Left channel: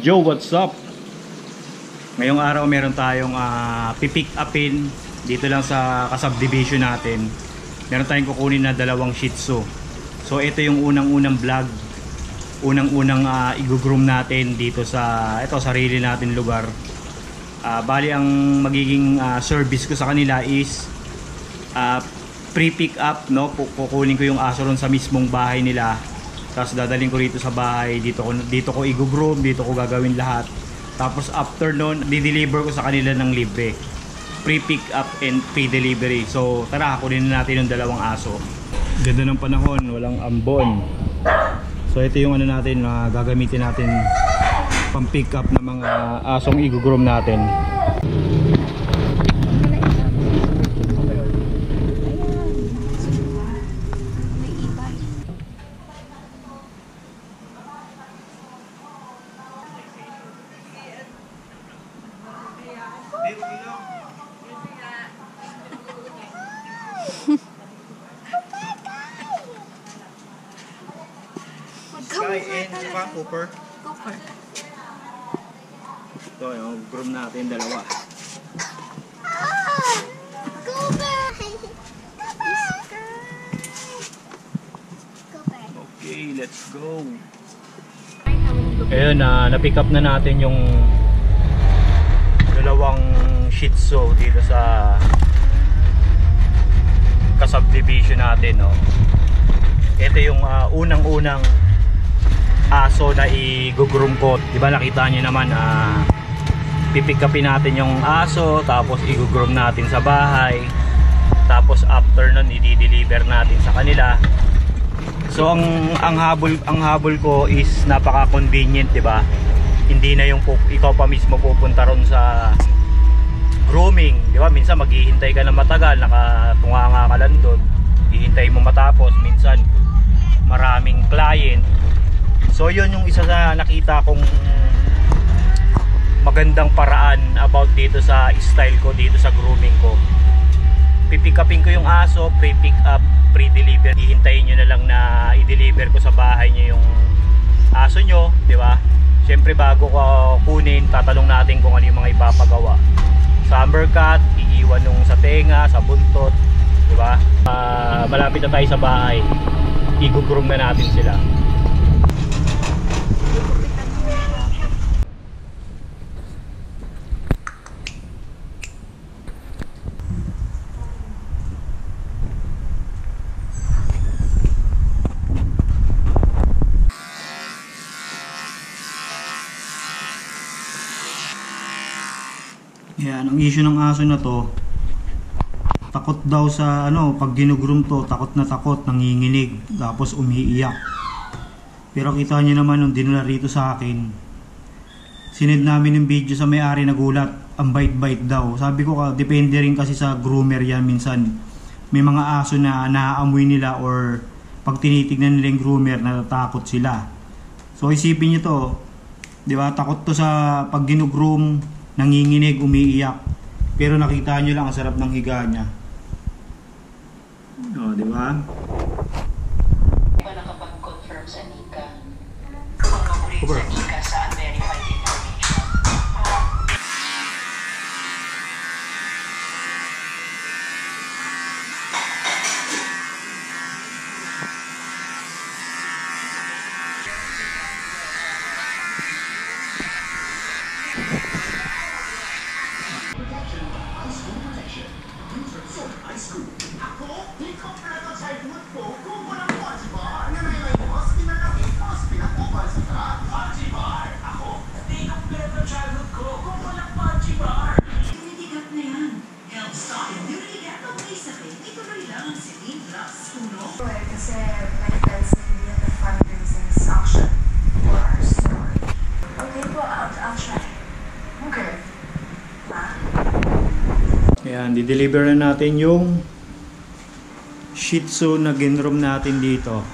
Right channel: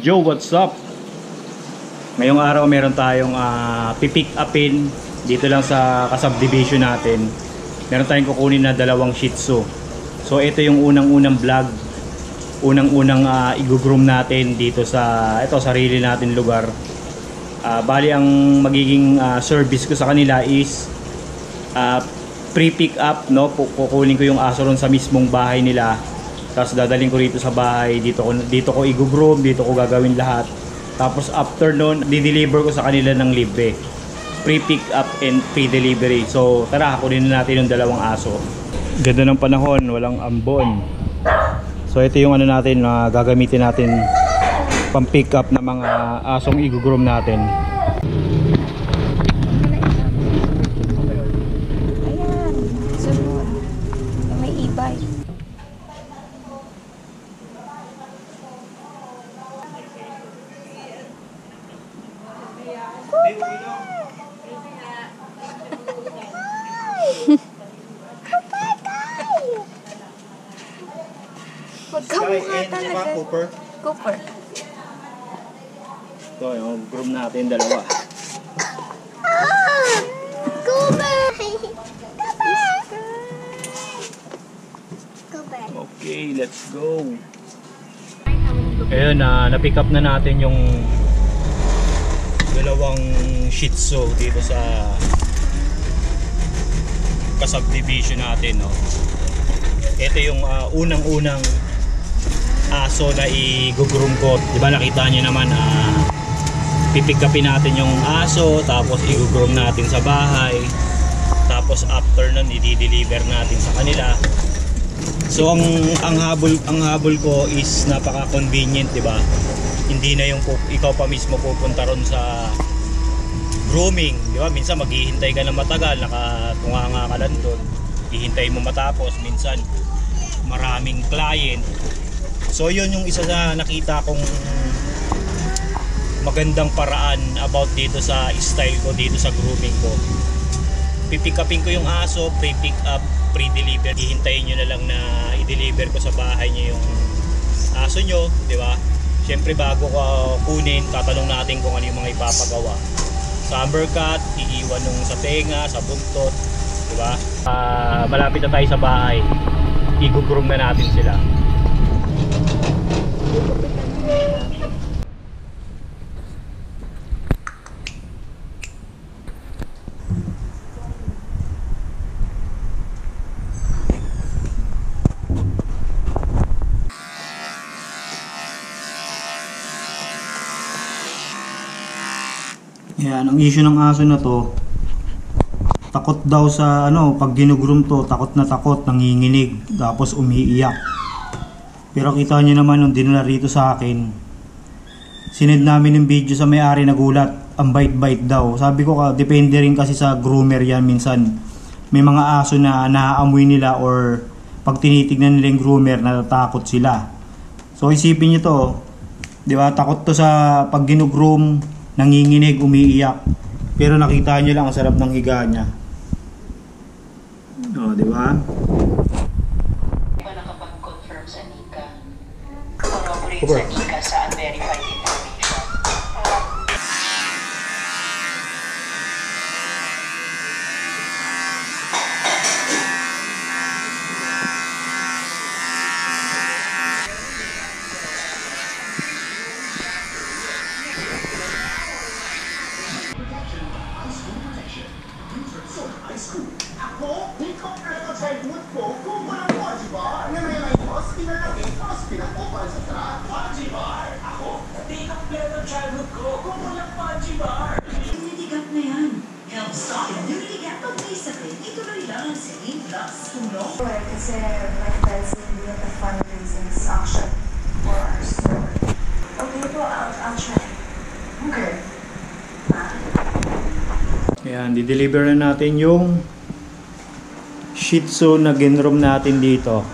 Joe, what's up? Ngayong araw meron tayong pipick upin dito lang sa kasubdivision natin. Meron tayong kukunin na dalawang Shih Tzu. So ito yung unang-unang vlog, unang-unang i-groom natin dito sa sarili natin lugar. Bali ang magiging service ko sa kanila is pre-pick up, no? Kukunin ko yung aso ron sa mismong bahay nila. Tapos dadalhin ko rito sa bahay, dito ko i-groom, dito ko gagawin lahat. Tapos after nun, di-deliver ko sa kanila ng libre. Pre-pick up and pre-delivery. So tara, kunin natin yung dalawang aso. Ganda ng panahon, walang ambon. So ito yung natin na gagamitin natin pang pick up ng mga asong i-groom natin. Sky and Cooper. Cooper. Ito yung groom natin dalawa. Okay, let's go. Ayun, na-pick up na natin yung dalawang Shih Tzu dito sa kasubdivision natin, no. Ito yung unang-unang aso na i-groom ko. Diba nakita nyo naman, pipick upin natin yung aso, tapos i-groom natin sa bahay, tapos after nun i-deliver natin sa kanila. So ang habol ko is napaka-convenient, diba? Hindi na yung ikaw pa mismo pupunta ron sa grooming, diba? Minsan maghihintay ka na matagal, nakatunganga ka lang doon, hihintay mo matapos, minsan maraming client. So yun yung isa na nakita kong magandang paraan about dito sa style ko dito sa grooming ko. Pipick upin ko yung aso, pre-pick up, pre-deliver. Hihintayin nyo na lang na i-deliver ko sa bahay nyo yung aso nyo, di ba? Siyempre bago ko kunin, tatanong natin kung ano yung mga ipapagawa. Sa ambercut, iiwan yung sa tenga, sa buntot, di ba? Malapit na tayo sa bahay, i-groom na natin sila. Yan, ang issue ng aso na to, takot daw sa pag ginugroom to, takot na takot, nanginginig, tapos umiiyak. Pero kita nyo naman nung dinala rito sa akin, sinend namin yung video sa may-ari, nagulat, ang bite-bite daw. Sabi ko depende rin kasi sa groomer yan. Minsan may mga aso na naaamoy nila, or pag tinitignan nila yung groomer, natatakot sila. So isipin nyo to, di ba? Takot to sa pag ginugroom, nanginginig, umiiyak. Pero nakita nyo lang ang sarap ng higa niya. O, di ba? Nakapag-confirm sa Nika. Pag-operate sa Nika sa unverified information. Ako, di ko sa childhood ko kung walang Pojibar na may layos, pinalagay, tapos pinakupal sa truck. Pojibar! Ako, di kompleto childhood ko kung walang Pojibar. Immunity gap na yan. Help stop immunity gap ng isipin. Ituloy lang sa Plus Tulong. Kasi my friends need me at the fundraising section for our store. Okay po, I'll try. Okay. Ayan, di-deliver na natin yung Shih Tzu na ginroom natin dito.